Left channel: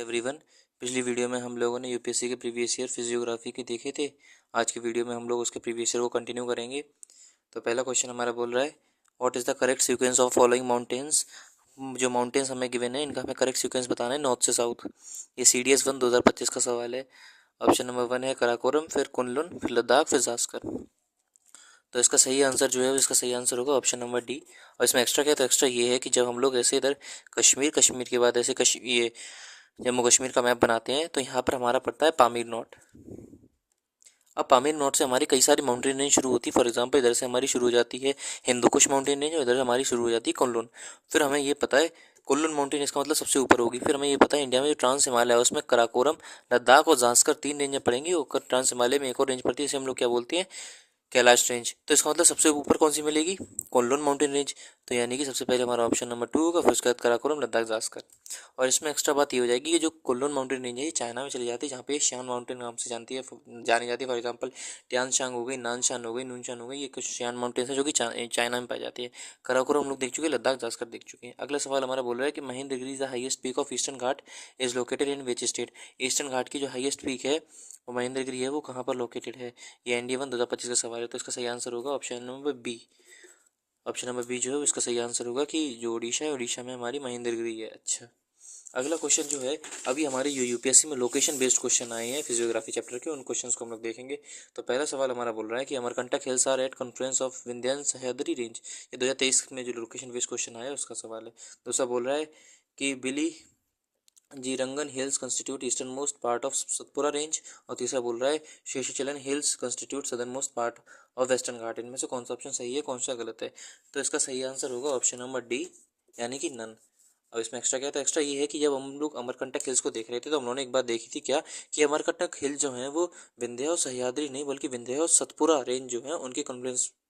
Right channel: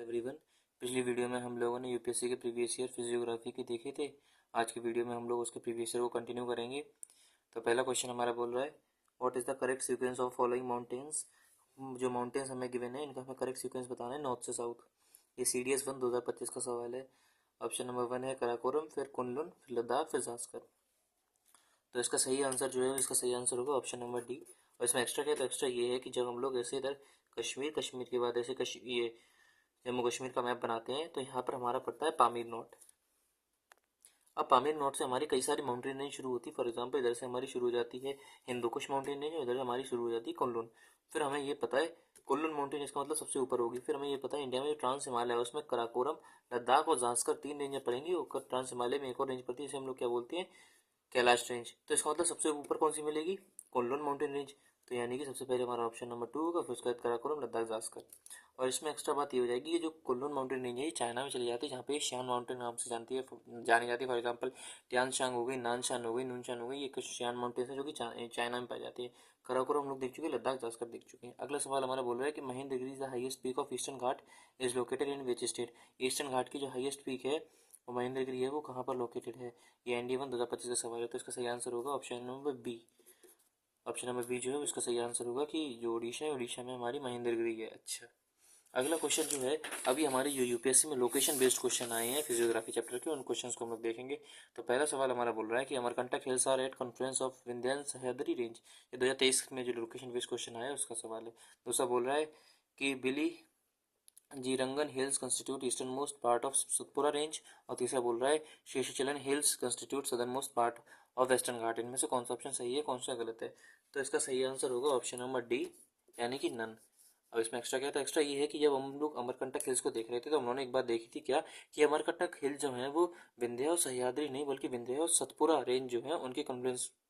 Everyone. पिछली video में हम लोगों ने यूपीएससी के प्रीवियस ईयर फिजियोग्राफी के देखे थे। आज की वीडियो में हम लोग उसके प्रीवियस ईयर को कंटिन्यू करेंगे। तो पहला क्वेश्चन हमारा बोल रहा है, what is the correct sequence of following mountains. जो माउंटेन्स हमें गिवन है इनका हमें करेक्ट सीक्वेंस बताना है नॉर्थ से साउथ। ये CDS 1 2025 का सवाल है। ऑप्शन नंबर 1 है कराकोरम, फिर कुनलुन, फिर लद्दाख, फिर जास्कर। तो इसका सही आंसर जो है इसका सही आंसर होगा ऑप्शन नंबर डी। और इसमें एक्स्ट्रा क्या है, तो एक्स्ट्रा ये है कि जब हम लोग ऐसे इधर कश्मीर के बाद ऐसे ये जम्मू कश्मीर का मैप बनाते हैं तो यहाँ पर हमारा पड़ता है पामीर नोट। अब पामीर नोट से हमारी कई सारी माउंटेन रेंज शुरू होती है। फॉर एग्जांपल इधर से हमारी शुरू हो जाती है हिंदू कुश माउंटेन रेंज और इधर हमारी शुरू हो जाती है कुनलुन। फिर हमें ये पता है कुनलुन माउंटेन इसका मतलब सबसे ऊपर होगी। फिर हमें ये पता है इंडिया में जो ट्रांस हिमालय है उसमें कराकोरम, लद्दाख और जांस्कर 3 रेंजें पड़ेंगी और ट्रांस हिमालय में एक और रेंज पड़ती है, इसे हम लोग क्या बोलते हैं, कैलाश रेंज। तो इसका मतलब सबसे ऊपर कौन सी मिलेगी, कुनलुन माउंटेन रेंज। तो यानी कि सबसे पहले हमारा ऑप्शन नंबर 2 होगा, फिर उसके बाद कराकोरम, लद्दाख, जास्कर। और इसमें एक्स्ट्रा बात ये हो जाएगी कि जो कुनलुन माउंटेन रेंज है ये चाइना में चली जाती है, जहाँ पे शियान माउंटेन नाम से जानी जाती है। फॉर एग्जांपल टियानशांग हो गई, नानशान हो गई, नूनशान हो गई, ये कुछ शियान माउंटेन है जो कि चाइना में पाई जाती है। कराकोरम हम लोग देख चुके हैं, लद्दाख, जास्कर देख चुके हैं। अगला सवाल हमारा बोल रहा है कि Mahendragiri the highest peak of eastern Ghat is located in which state. Eastern Ghat की जो हाईएस्ट पीक है वो महेंद्रगिरी है, वो कहाँ पर लोकेटेड है। ये ND1 2025 का सवाल है। तो इसका सही आंसर होगा option number B. Option number B जो है उसका सही आंसर होगा कि जो उड़ीसा है, उड़ीसा में हमारी महेंद्रगिरी है। अच्छा, अगला क्वेश्चन जो है, अभी हमारे यूपीएससी में लोकेशन बेस्ड क्वेश्चन आए हैं फिजियोग्राफी चैप्टर के, उन क्वेश्चंस को हम लोग देखेंगे। तो पहला सवाल हमारा बोल रहा है कि Amarkantak hills are at conference of Vindhyachal Sahyadri range. ये 2023 में जो लोकेशन बेस्ड क्वेश्चन आया है उसका सवाल है। दूसरा बोल रहा है कि Biligirirangan hills constitute eastern most part of Satpura range. और तीसरा बोल रहा है Seshachalam hills constitute southern most part of western Ghat. इनमें से कौन सा ऑप्शन सही है, कौन सा गलत है। तो इसका सही आंसर होगा ऑप्शन नंबर डी, यानी कि नन। अब इसमें एक्स्ट्रा क्या था, एक्स्ट्रा ये है कि जब हम लोग अमरकंटक हिल्स को देख रहे थे तो हम लोगों ने एक बात देखी थी क्या, कि अमरकंटक हिल जो है वो विंध्य और सह्याद्री नहीं बल्कि विंध्य और सतपुरा रेंज जो है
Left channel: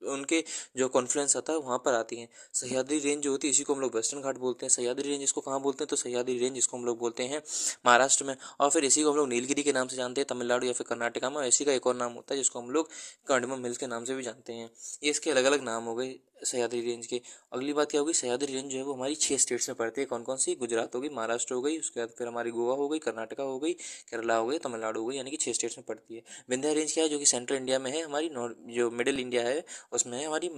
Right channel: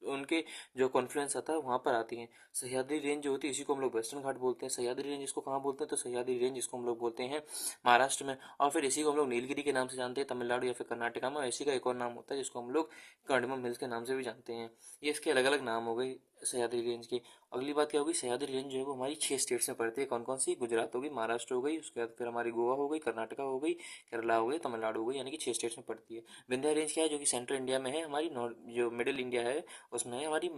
उनके जो कॉन्फ्लुएंस आता है वहाँ पर आती हैं। सह्याद्री रेंज जो होती है इसी को हम लोग वेस्टर्न घाट बोलते हैं। सह्याद्री रेंज इसको कहाँ बोलते हैं, तो सह्याद्री रेंज इसको हम लोग बोलते हैं महाराष्ट्र में। और फिर इसी को हम लोग नीलगिरी के नाम से जानते हैं तमिलनाडु या फिर कर्नाटका में। इसी का एक और नाम होता है जिसको हम लोग कार्डमम हिल्स के नाम से भी जानते हैं। ये इसके अलग अलग नाम हो गए सह्याद्री रेंज के। अगली बात क्या होगी, सह्याद्री रेंज जो है वो हमारी 6 स्टेट्स में पड़ती है। कौन कौन सी, गुजरात हो गई, महाराष्ट्र हो गई, उसके बाद फिर हमारी गोवा हो गई, कर्नाटका हो गई, केरला हो गई, तमिलनाडु हो गई, यानी कि 6 स्टेट्स में पड़ती है। विंध्या रेंज क्या है, जो कि सेंट्रल इंडिया में है, हमारी जो मिडिल इंडिया है उसमें है, हमारी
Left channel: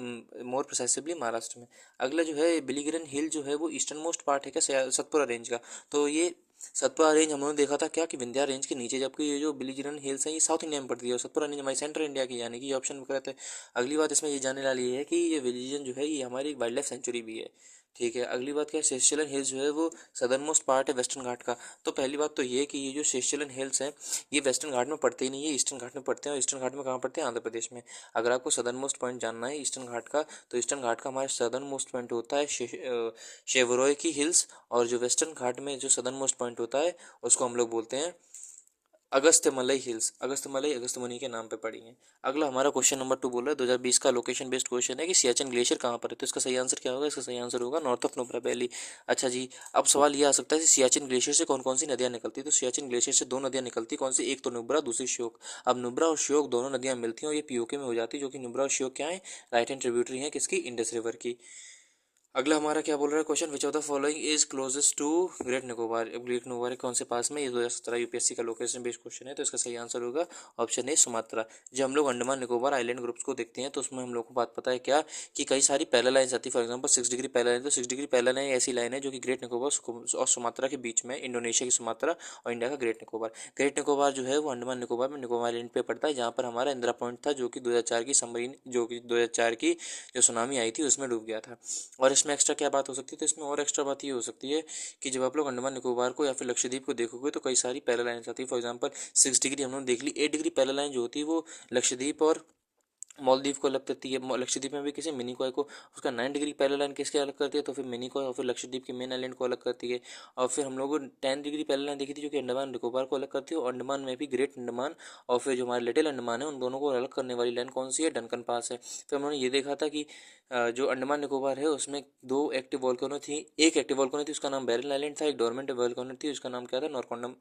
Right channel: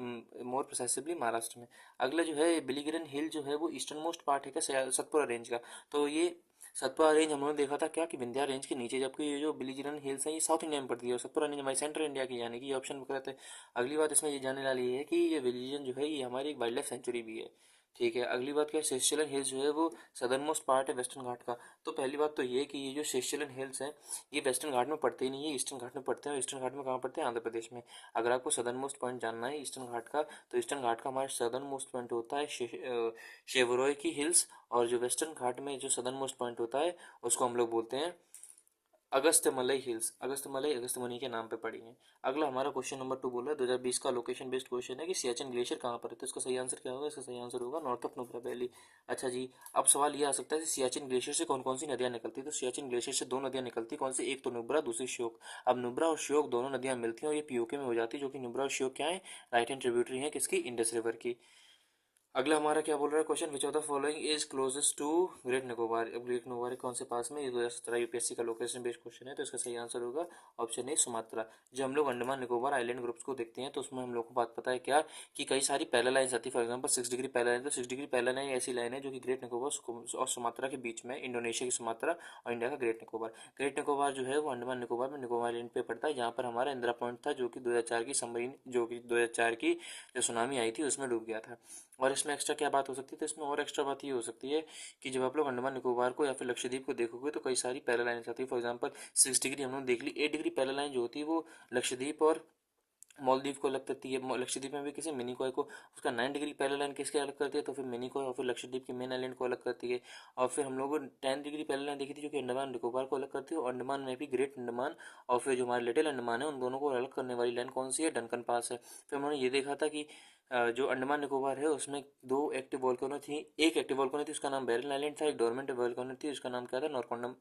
मोर प्रिसाइसिवली महाराष्ट्र में। अगला जो है बिलीगिरन हिल जो है वो ईस्टर्न मोस्ट पार्ट है क्या सतपुरा रेंज का। तो ये सतपुरा रेंज हम लोगों ने देखा था क्या कि विंध्या रेंज के नीचे, जबकि ये जो बिलीगिरन हिल्स है ये साउथ इंडिया में पड़ती है और सतपुरा रेंज हमारी सेंट्रल इंडिया की, यानी कि ये ऑप्शन गलत है। अगली बात इसमें ये जानने वाली है कि ये रीजन जो है ये हमारी एक वाइल्ड लाइफ सेंचुरी भी है। ठीक है, अगली बात क्या है, शेषचलन हिल्स जो है वो सदर्न मोस्ट पार्ट है वेस्टर्न घाट का। तो पहली बात तो ये कि ये जो शेषचलन हिल्स हैं ये वेस्टर्न घाट में पड़ते ही नहीं है, ईस्टर्न घाट में पड़ते हैं। और ईस्टर्न घाट में कहाँ पड़ते हैं, आंध्र प्रदेश में। अगर आपको सदर्न मोस्ट पॉइंट जानना है ईस्टर्न घाट का, तो ईस्टर्न घाट का हमारा सदर्न मोस्ट पॉइंट होता है शेवरॉय की हिल्स। और जो वेस्टर्न घाट में जो सदर्न मोस्ट पॉइंट होता है उसको हम लोग बोलते हैं अगस्त्यमलई हिल्स। अगस्त्यमलई अगस्त्यमुनि के नाम पे पड़ी है। अगला हमारा क्वेश्चन नंबर 2 बोल रहा है 2020 का लोकेशन बेस्ड क्वेश्चन है कि सियाचिन ग्लेशियर कहाँ पर है। तो इसका सही आंसर क्या होगा, इसका सही आंसर होगा नॉर्थ ऑफ नुब्रा वैली। अच्छा जी, अब सवाल ये आ सकता है सियाचिन ग्लेशियर से कौन कौन सी नदियाँ निकलती है। तो सियाचिन ग्लेशियर से 2 नदियाँ निकलती, कौन सी, एक तो नुब्रा, दूसरी श्योक। अब नुब्रा और श्योक दोनों नदियाँ मिलती हैं और ये पीओके में हो जाती है, जो कि नुब्रा और श्योक क्या है, राइट हैंड ट्रिब्यूटरी है किसकी, इंडस रिवर की। अगला हमारा क्या बोल रहा है question, which of the following is closest to great Nicobar. Great Nicobar कौन से पास में, ये 2017 यूपीएससी का लोकेशन बेस्ड क्वेश्चन है। तो इसका सही आंसर होगा ऑप्शन ए, सुमात्रा। जब हम लोग अंडमान निकोबार आइलैंड ग्रुप्स को देखते हैं तो उसमें हम लोग को बात पता है क्या, कि कई सारी पैरेलल लाइन्स आती है। For example 6 degree parallel line, तो 6 डिग्री पैरेलल लाइन ऐसी लाइन है जो कि ग्रेट निकोबार और सुमात्रा के बीच में, इंडोनेशिया की सुमात्रा और इंडिया का ग्रेट निकोबार। ग्रेट निकोबार जो है वो अंडमान निकोबार में निकोबार आइलैंड पे पड़ता है, जहाँ पर हमारा इंदिरा पॉइंट था, जो कि 2004 की सबमरीन, जो कि 2004 की जो सुनामी आई थी उसमें डूब गया था। और इसमें एक्स्ट्रा क्या बात हो सकती है, तो इसमें और एक्स्ट्रा बात ये हो सकती है कि जब आप लोग अंडमान निकोबार को या फिर लक्षद्वीप को देखोगे तो कई सारी पैरेलल लाइन्स आती है। फॉर एग्जांपल 6 डिग्री हम लोग देख ली, 8 डिग्री पैरेलल लाइन जो होती है वो लक्षद्वीप और मालदीव को अलग करती है। लक्षद्वीप में भी किसी मिनी कॉय को उसका 9 डिग्री पैरेलल लाइन किसके अलग करती है, तो फिर मिनी कॉय और फिर लक्षद्वीप के मेन आइलैंड को अलग करती है। और फिर हम लोगों 10 डिग्री पैरेलल लाइन देखी थी जो कि अंडमान निकोबार को अलग करती है। और अंडमान में भी ग्रेट अंडमान और फिर जो हमारे लिटिल अंडमान है उन दोनों को अलग करने वाली लाइन कौन सी है, डनकन पास है। फिर उन्होंने ये देखा था कि जो अंडमान निकोबार है उसमें 2 एक्टिव वॉल्केनो थी, एक एक्टिव वॉल्केनो थी उसका नाम बेरिल आइलैंड था, एक डोरमेंट वॉल्केनो थी उसका नाम क्या था, नॉरकोंडम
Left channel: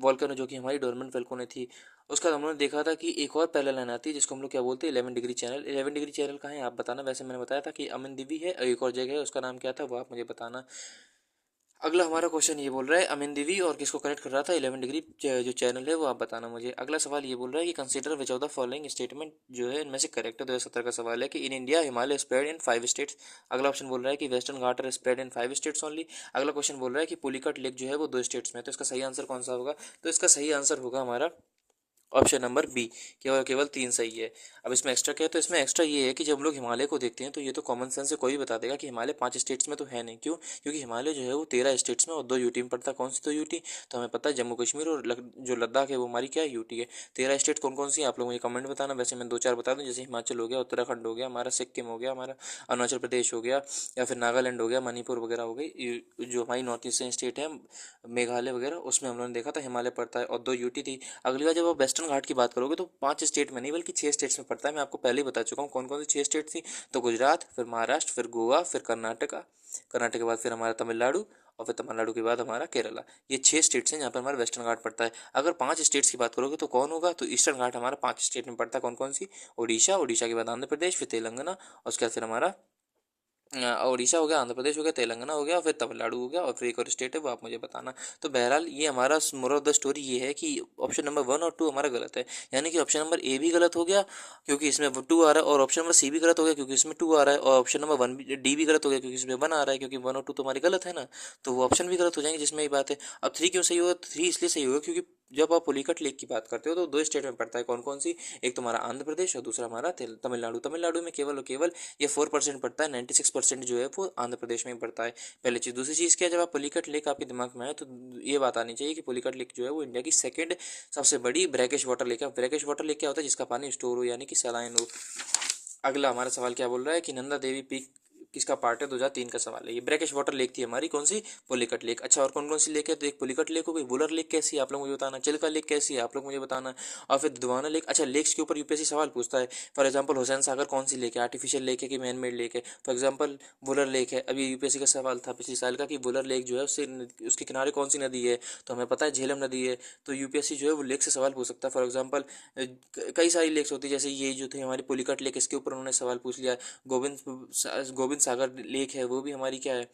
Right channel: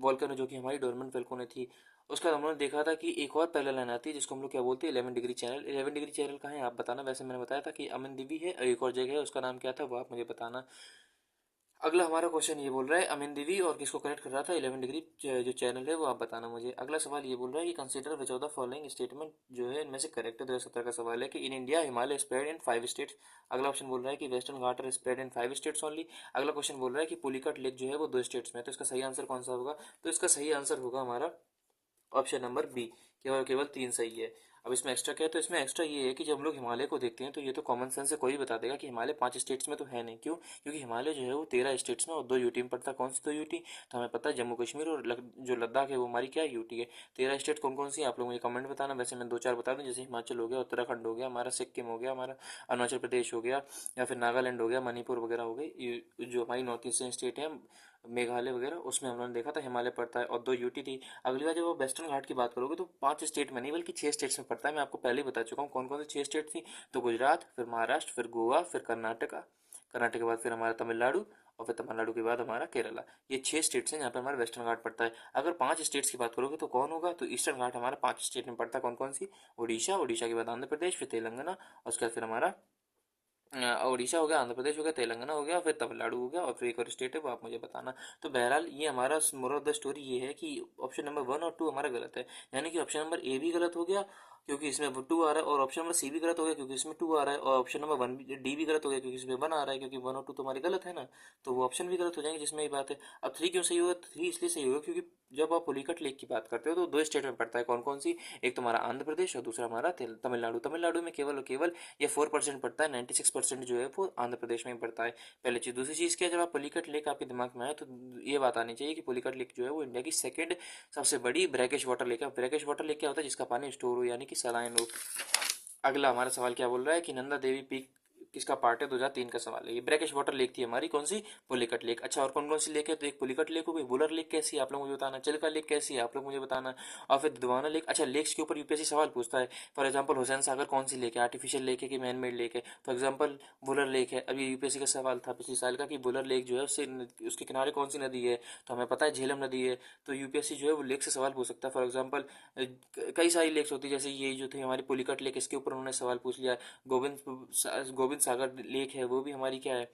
वॉल्केनो, जो कि हमारी डोरमेंट वॉल्केनो थी। उसका हम लोगों ने देखा था कि एक और पैरेलल लाइन आती है जिसको हम लोग क्या बोलते हैं, 11 डिग्री चैनल। 11 डिग्री चैनल कहाँ है आप बताना, वैसे मैंने बताया था कि अमन दीवी है, एक और जगह है उसका नाम क्या था वो आप मुझे बताना। अगला हमारा क्वेश्चन ये बोल रहा है अमिन देवी और किसको कनेक्ट कर रहा था 11 डिग्री जो चैनल है वो आप बताना मुझे। अगला सवाल ये बोल रहा है कि consider which of the following statement जो है इनमें से करेक्ट है। 2017 का सवाल है कि in India Himalaya spread in 5 states. अगला ऑप्शन बोल रहा है कि western Ghat are spread in 5 states only. अगला क्वेश्चन बोल रहा है कि पुलिकट लेक जो है वो 2 स्टेट्स में है। तो इसका सही आंसर कौन सा होगा? तो इसका सही आंसर होगा हमारा ऑप्शन नंबर बी। केवल केवल 3 सही है। अब इसमें एक्स्ट्रा क्या है? तो इसमें एक्स्ट्रा ये है कि जब हम लोग हिमालय को देखते हैं तो ये तो कॉमन सेंस से कोई भी बता देगा कि हिमालय 5 स्टेट्स में तो है नहीं। क्यों? क्योंकि हिमालय जो है वो 13 स्टेट्स में और 2 यूटी में पड़ता है। कौन सी 2 यूटी? तो हमें पता है जम्मू कश्मीर और जो लद्दाख है वो हमारी क्या यूटी है। 13 स्टेट कौन कौन सी है आप लोग मुझे कमेंट बताना। वैसे मैं 2-4 बता दूँ, जैसे हिमाचल हो गया, उत्तराखंड हो गया हमारा, सिक्किम हो गया हमारा, अरुणाचल प्रदेश हो गया, या फिर नागालैंड हो गया, मणिपुर वगैरह हो गई। जो हमारी नॉर्थ ईस्टर्न स्टेट है मेघालय वगैरह, उसमें हम लोगों ने देखा था हिमालय पड़ता है और 2 यूटी थी। अगली बार जब आप वेस्टर्न घाट की बात करोगे तो 5 स्टेट में नहीं बल्कि 6 स्टेट्स में पड़ता है। मैं आपको पहले ही बता चुका हूँ कौन कौन सी 6 स्टेट थी। तो गुजरात, फिर महाराष्ट्र, फिर गोवा, फिर कर्नाटका, कर्नाटक के बाद फिर हमारा तमिलनाडु, और फिर तमिलनाडु के बाद हमारा केरला। ये 6 स्टेट्स हैं जहाँ पर हमारा वेस्टर्न घाट पड़ता है। अगर 5 स्टेट्स की बात करोगे तो कौन होगा? तो ईस्टर्न घाट हमारा 5 स्टेट में पड़ता है। कौन कौन सी? उड़ीसा, उड़ीसा के बाद आंध्र प्रदेश, फिर तेलंगाना, और उसके बाद फिर हमारा उड़ीसा हो गया, आंध्र प्रदेश हो गया, तेलंगाना हो गया, फिर तमिलनाडु हो गया, और फिर एक और स्टेट है वो आप मुझे बताना। तो बहरहाल ये हमारा मोरल ऑफ द स्टोरी ये है कि ऑप्शन नंबर 1 और 2 हमारा गलत है। यानी कि ऑप्शन नंबर ए भी गलत हो गया क्योंकि इसमें 2 आ रहा है, और ऑप्शन नंबर सी भी गलत हो गया क्योंकि इसमें 2 आ रहा है, और ऑप्शन नंबर 1 डी भी गलत हो गया क्योंकि इसमें 1 आ रहा है, क्योंकि 1 और 2 तो हमारी गलत है ना। तो वो ऑप्शन भी गलत हो जाएंगे जिसमें ये बात है। अब 3 क्यों सही होगा? 3 इसलिए सही होगा क्योंकि जब आप पुलिकट लेक की बात करते हो तो 2 स्टेट में पड़ता है। कौन कौन सी? एक तो हमारा आंध्र प्रदेश और दूसरा हमारा तमिलनाडु। तमिलनाडु में केवल और केवल ये 4% पड़ता है, 96% जो है वो आंध्र प्रदेश में ही पड़ता है। पहली चीज़। दूसरी चीज़ क्या है? जब आप पुलिकट लेक आपके दिमाग में आए तो ये बात आनी चाहिए कि पुलिकट लेक जो है वो इंडिया की सेकंड सबसे बड़ी ब्रैकिश वाटर लेक है। ब्रैकिश वाटर लेक क्या होता है? जिसका पानी स्टोर हो, यानी कि सलाइन हो। अगला हमारा सवाल क्या बोल रहा है कि नंदा देवी पीक किसका पार्ट है? 2003 का सवाल है। ये ब्रैकिश वाटर लेक थी हमारी, कौन सी? पुलिकट लेक। अच्छा, और कौन कौन सी लेक है? तो एक पुलिकट लेक हो गई, वुलर लेक कैसी है आप लोग मुझे बताना, चिल्का लेक कैसी है आप लोग मुझे बताना, और फिर दुधवाना लेक। अच्छा, लेक्स के ऊपर यूपीएससी सवाल पूछता है। फॉर एग्जाम्पल हुसैन सागर कौन सी लेक है? आर्टिफिशियल लेक है कि मैन मेड लेक है? फॉर एग्जाम्पल वुलर लेक है। अभी यूपीएससी का सवाल था पिछले साल का कि वुलर लेक जो है उससे उसके किनारे कौन सी नदी है? तो हमें पता है झेलम नदी है। तो यूपीएससी जो है वो लेक से सवाल पूछ सकता है। फॉर एग्जाम्पल कई सारी लेक्स होती है, जैसे ये जो थी हमारी पुलिकट लेक, इसके ऊपर उन्होंने सवाल पूछ लिया। गोविंद सागर लेक है वो भी हमारी क्या है?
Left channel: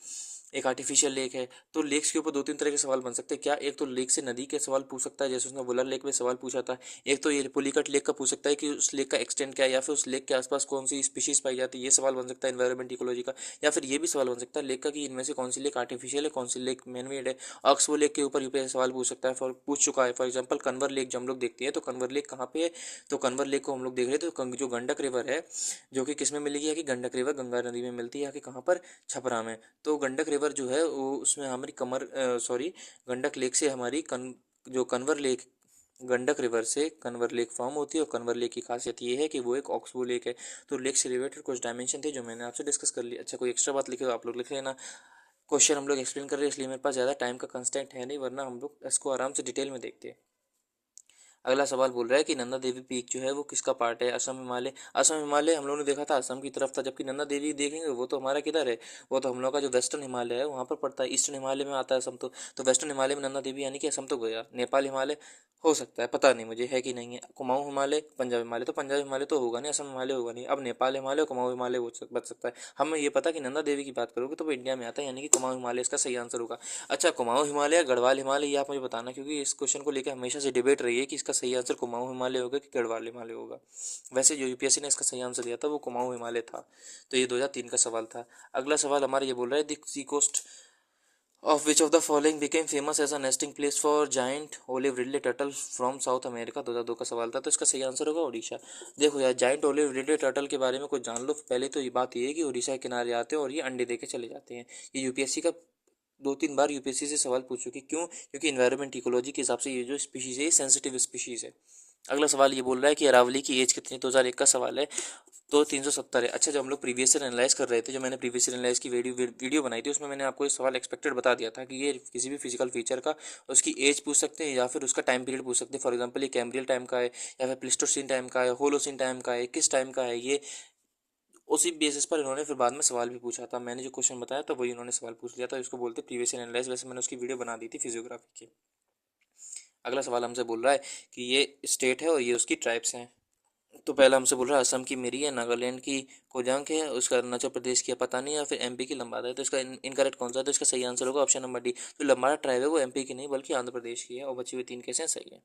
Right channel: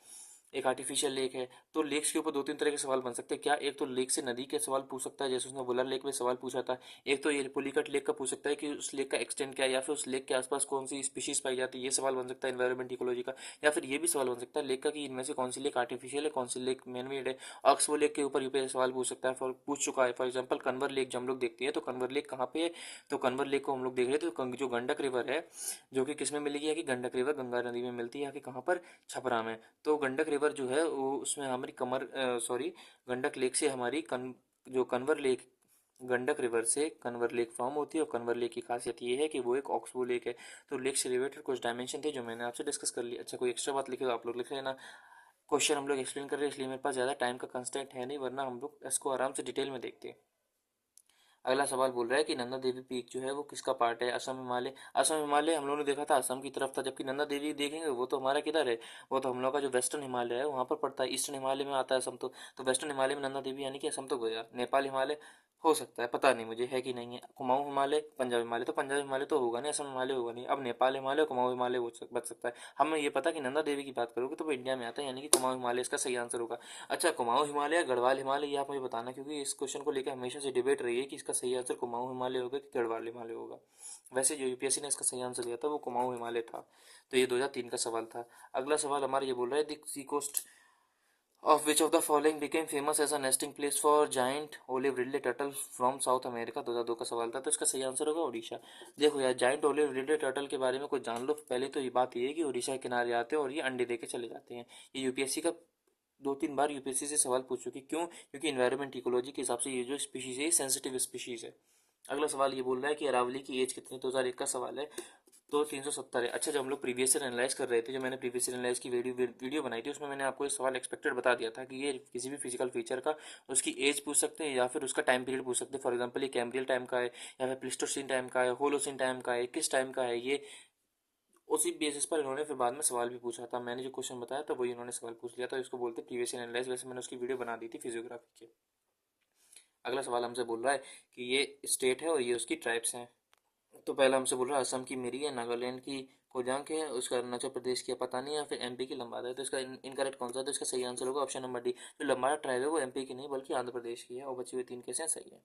एक आर्टिफिशियल लेक है। तो लेक्स के ऊपर 2-3 तरह के सवाल बन सकते हैं। क्या? एक तो लेक से नदी के सवाल पूछ सकता है जैसे उसने वुलर लेक में सवाल पूछा था। एक तो ये पुलिकट लेक का पूछ सकता है कि उस लेक का एक्सटेंट क्या है, या फिर उस लेक के आसपास कौन सी स्पीशीज पाई जाती है, ये सवाल बन सकता है एनवायरमेंट इकोलॉजी का। या फिर ये भी सवाल बन सकता है लेक का कि इनमें से कौन सी लेक आर्टिफिशियल है, कौन सी लेक मैन मेड है। ऑक्सबो लेक के ऊपर यूपीएससी सवाल पूछ सकता है, पूछ चुका है। फॉर एग्जाम्पल कन्वर लेक जो हम लोग देखते हैं तो कन्वर लेक कहाँ पे है? तो कन्वर लेक को हम लोग देख रहे थे तो जो गंडक रिवर है, जो कि किस में मिलेगी? है कि गंडक रिवर गंगा नदी में मिलती है, या कि कहाँ पर? छपरा में। तो गंडक रिवर जो है वो उसमें हमारी गंडक लेक से हमारी जो कन्वर लेक, गंडक रिवर से कन्वर लेक फॉर्म होती है। और कन्वर लेक की खासियत ये है कि वो एक ऑक्सबो लेक है। तो लेक से रिलेटेड कुछ डायमेंशन थे जो मैंने आपसे डिस्कस कर लिया। अच्छा, कोई एक्स्ट्रा बात लिखे हो आप लोग लिख लेना। क्वेश्चन हम लोग एक्सप्लेन कर रहे हैं इसलिए मेरे पास ज़्यादा टाइम का कंस्टेंट है नहीं, वरना हम लोग इसको आराम से डिटेल में देखते हैं। अगला सवाल बोल रहा है कि नंदा देवी पीक जो है वो किसका पार्ट है? असम हिमालय। असम हिमालय हम लोगों ने देखा था असम की तरफ था, जबकि नंदा देवी देखेंगे वो तो हमारा किधर है? वो तो हम लोग का जो वेस्टर्न हिमालय है वहाँ पर पड़ता है। ईस्टर्न हिमालय में आता है असम। तो वेस्टर्न हिमालय में नंदा देवी यानी कि असम तो गया। नेपाल हिमालय हो सकता है, पता नहीं मुझे है कि नहीं है। कुमाऊं हिमालय, पंजाब हिमालय, तो पंजाब हिमालय तो होगा नहीं, असम हिमालय होगा नहीं। अब नेपाल हिमालय, कुमाऊं हिमालय बच सकता है। हमें ये पता कि नंदा देवी की बात करोगे तो वो इंडिया में आता है, यानी कि कुमाऊं हिमालय इसका सही आंसर होगा। अच्छा, कुमाऊं हिमालय या गढ़वाल हिमालय ये आप मुझे बताना, क्योंकि इस क्वेश्चन को लेकर हमेशा से डिबेट रही है कि इसका सही आंसर कुमाऊं हिमालय होगा कि गढ़वाल हिमालय होगा। वैसे जो यूपीएससी ने इसका सही आंसर दिया था वो कुमाऊं हिमालय था। तो ये 2003 का सवाल था। अगला सवाल हमारा ये बोल रहा है the sea coast of which of the following became famous as a nesting place for giant olive ridley turtle from South America. 2002 का सवाल था। तो इसका सही आंसर होगा उड़ीसा। देखो यार, जाइंट ओलिव रिडले टर्टल के बारे में कुछ जान लो। पहले तो ये बात ये है कि उड़ीसा के किनारे आते हैं और ये अंडे दे के चले जाते हैं। ये यूपीएससी का 2-3 बार यूपीएससी से सवाल पूछ चुकी। क्यों? क्योंकि इन्वायरमेंट इकोलॉजी के हिसाब से ये जो स्पीशीज़ है ये सेंसिटिव स्पीशीज़ है। अगला सवाल ये बोल रहा है कि अरावली की एज कितनी? 2001 का सवाल है। तो 370 है। अच्छा, जब हम लोग प्रीवियस ईयर एनालाइज कर रहे थे, जो मैंने प्रीवियस ईयर एनालाइज की वीडियो बनाई थी उसमें मैंने आपको एक सवाल एक्सपेक्टेड बता दिया था कि ये किसी भी फिजिकल फीचर का उसकी एज पूछ सकते हैं या फिर उसका टाइम पीरियड पूछ सकते हैं। फॉर एग्जाम्पल ये कैम्ब्रियल टाइम का है, या फिर प्लिस्टोसिन टाइम का है, होलोसिन टाइम का है, किस टाइम का है ये। उसी बेसिस पर इन्होंने फिर बाद में सवाल भी पूछा था। मैंने जो क्वेश्चन बताया तो वही उन्होंने सवाल पूछ लिया था। इसको बोलते प्रीवियस ईयर एनालाइज। वैसे मैंने उसकी वीडियो बना दी थी फिजियोग्राफी की। अगला सवाल हमसे बोल रहा है कि ये स्टेट है और ये उसकी ट्राइब्स हैं। तो पहला हमसे बोल रहा है असम की मिरी है, नागालैंड की कोजांग है, उसका अरुणाचल प्रदेश की है, पता नहीं, या फिर एमपी की लंबाड़ा है। तो इसका इनकरेक्ट कौन सा है? तो इसका सही आंसर होगा ऑप्शन नंबर डी। जो लंबाड़ा ट्राइब है वो एमपी की नहीं बल्कि आंध्र प्रदेश की है, और बची हुई 3 कैसे हैं? सही है।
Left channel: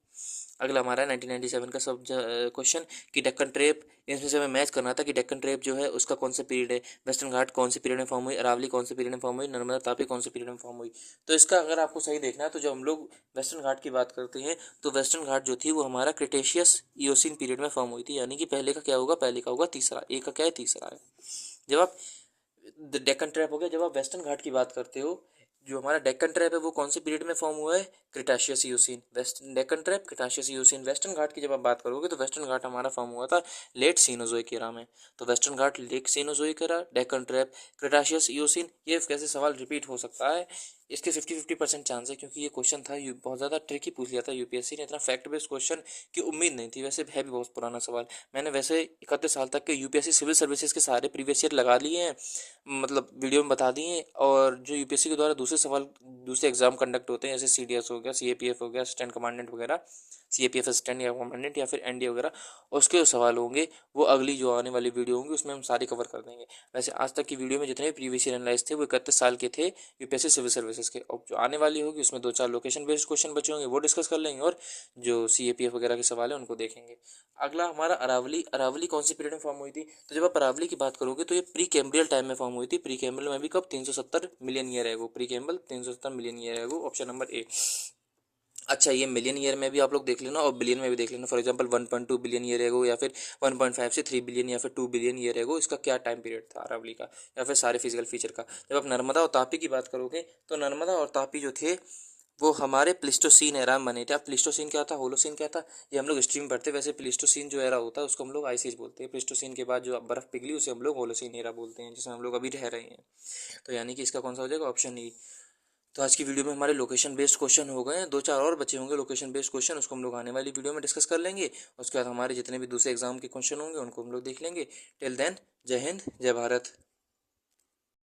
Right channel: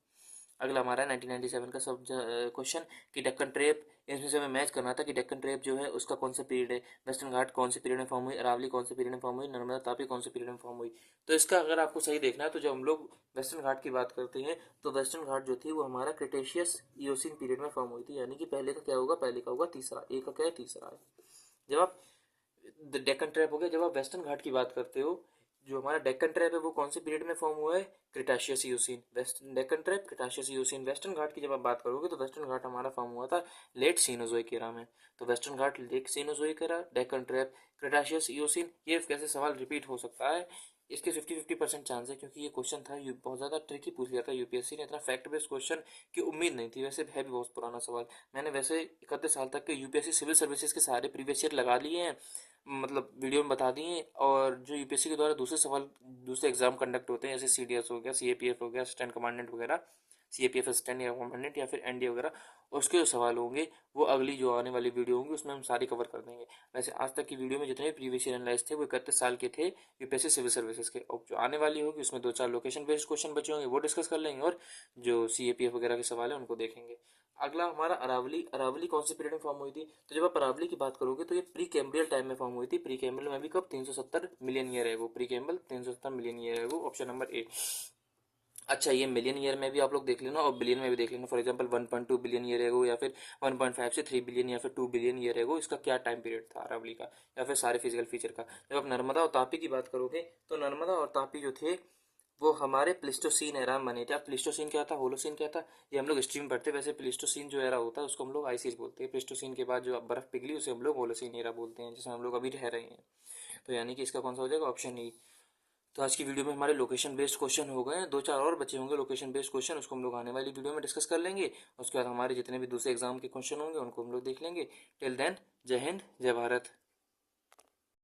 अगला हमारा 1997 का सब क्वेश्चन कि डेक्कन ट्रेप, इसमें से हमें मैच करना था कि डेक्कन ट्रेप जो है उसका कौन सा पीरियड है। वेस्टर्न घाट कौन से पीरियड में फॉर्म हुई, अरावली कौन से पीरियड में फॉर्म हुई, नर्मदा तापी कौन से पीरियड में फॉर्म हुई। तो इसका अगर आपको सही देखना है तो जब हम लोग वेस्टर्न घाट की बात करते हैं तो वेस्टर्न घाट जो थी वो हमारा क्रिटेशियस ईओसिन पीरियड में फॉर्म हुई थी, यानी कि पहले का क्या होगा? पहले का होगा तीसरा, ए का क्या है? तीसरा है। जब आप डेक्कन ट्रैप हो गया, जब आप वेस्टर्न घाट की बात करते हो, जो हमारा डेक्कन ट्रैप है वो कौन से पीरियड में फॉर्म हुआ है? Cretaceous eocene. West Deccan trap cretaceous eocene. Western Ghat की जब आप बात करोगे तो वेस्टर्न घाट हमारा फॉर्म हुआ था लेट सीनोजोइक एरा में। तो western Ghat late cenozoic era, Deccan trap cretaceous eocene. ये कैसे सवाल रिपीट हो सकता है? इसके 50-50% चांस है, क्योंकि ये क्वेश्चन था बहुत ज़्यादा ट्रिकी पूछ लिया था यूपीएससी ने, इतना फैक्ट बेस्ड क्वेश्चन की उम्मीद नहीं थी। वैसे है भी बहुत पुराना सवाल, मैंने वैसे 31 साल तक के यूपीएससी सिविल सर्विसेज के सारे प्रीवियस ईयर लगा लिए हैं, मतलब वीडियो में बता दिए। और जो यूपीएससी के द्वारा दूसरे सवाल, दूसरे एग्जाम कंडक्ट होते हैं, जैसे सीडीएस हो गया, सीएपीएफ हो गया, असिस्टेंट कमांडेंट वगैरह, सीएपीएफ असिस्टेंट या कमांडेंट, या फिर एनडीए वगैरह, उसके जो सवाल होंगे वो अगली जो आने वाली वीडियो होंगी उसमें हम सारी कवर कर देंगे। वैसे आज तक की वीडियो में जितने भी प्रीवियस ईयर एनालाइज थे वो 31 साल के थे यूपीएससी सिविल सर्विसेज के। और जो आने वाली होगी उसमें 2-4 लोकेशन बेस्ड क्वेश्चन बचे होंगे वो डिस्कस कर लेंगे, और जो सीएपीएफ वगैरह के सवाल हैं उनको देखेंगे। अगला हमारा अरावली। अरावली कौन सी पीरियड में फॉर्म हुई थी? तो जब आप अरावली की बात करोगे तो ये प्री कैम्ब्रियल टाइम में फॉर्म हुई थी। प्री कैम्ब्रियल में भी कब? 370 मिलियन ईयर है वो। प्री कैम्ब्रियल 370 मिलियन ईयर है वो, ऑप्शन नंबर ए। अच्छा, ये मिलियन ईयर में भी आप लोग देख लेना और बिलियन में भी देख लेना। For example 1.2 billion year ago, या फिर 1.5 से 3 बिलियन, या फिर 2 बिलियन ईयर एगो, इसका क्या टाइम पीरियड था अरावली का, या फिर सारे फिजिकल फीचर का। जब आप नर्मदा और तापी की बात करोगे तो नर्मदा और तापी जो थे वो हमारे प्लिस्टोसीन एरा में बने थे। अब प्लिस्टोसीन क्या था, होलोसीन क्या था, ये हम लोग हिस्ट्री में पढ़ते हैं। वैसे प्लिस्टोसीन जो एरा होता है उसको हम लोग आइस एज बोलते हैं। प्लिस्टोसीन के बाद जो बर्फ पिघली उसे हम लोग होलोसीन एरा बोलते हैं, जिसमें हम लोग अभी रह रहे हैं। तो यानी कि इसका कौन सा हो जाएगा? Option E. तो आज की वीडियो में हमारे लोकेशन बेस्ड क्वेश्चन हो गए हैं, 2-4 और बचे होंगे लोकेशन बेस्ड क्वेश्चन, उसको हम लोग आने वाली वीडियो में डिस्कस कर लेंगे। उसके बाद हमारे जितने भी दूसरे एग्जाम के क्वेश्चन होंगे उनको हम लोग देख लेंगे। टिल देन, जय हिंद, जय भारत।